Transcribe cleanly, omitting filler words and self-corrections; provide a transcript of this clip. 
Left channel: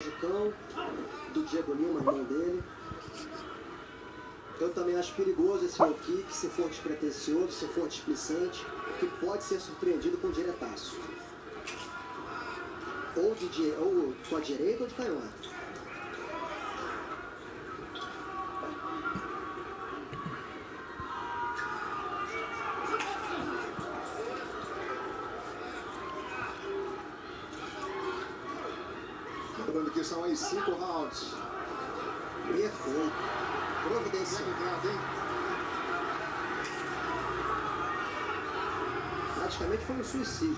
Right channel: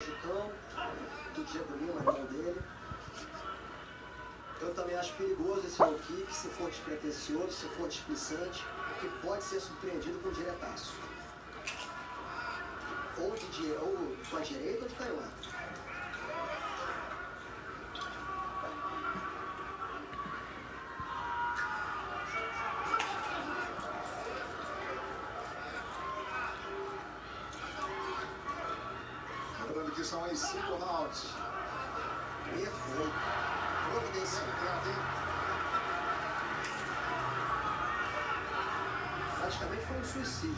Jucão, do Diego Lima, irmão dele. Eu também acho perigoso esse low kick, se for despretensioso, se for displicente, que pode ser surpreendido com diretaço. Ou com a direita ou de canhota. Lembrando que são aí 5 rounds. Perfeito. Providenciado. Praticamente foi um suicídio.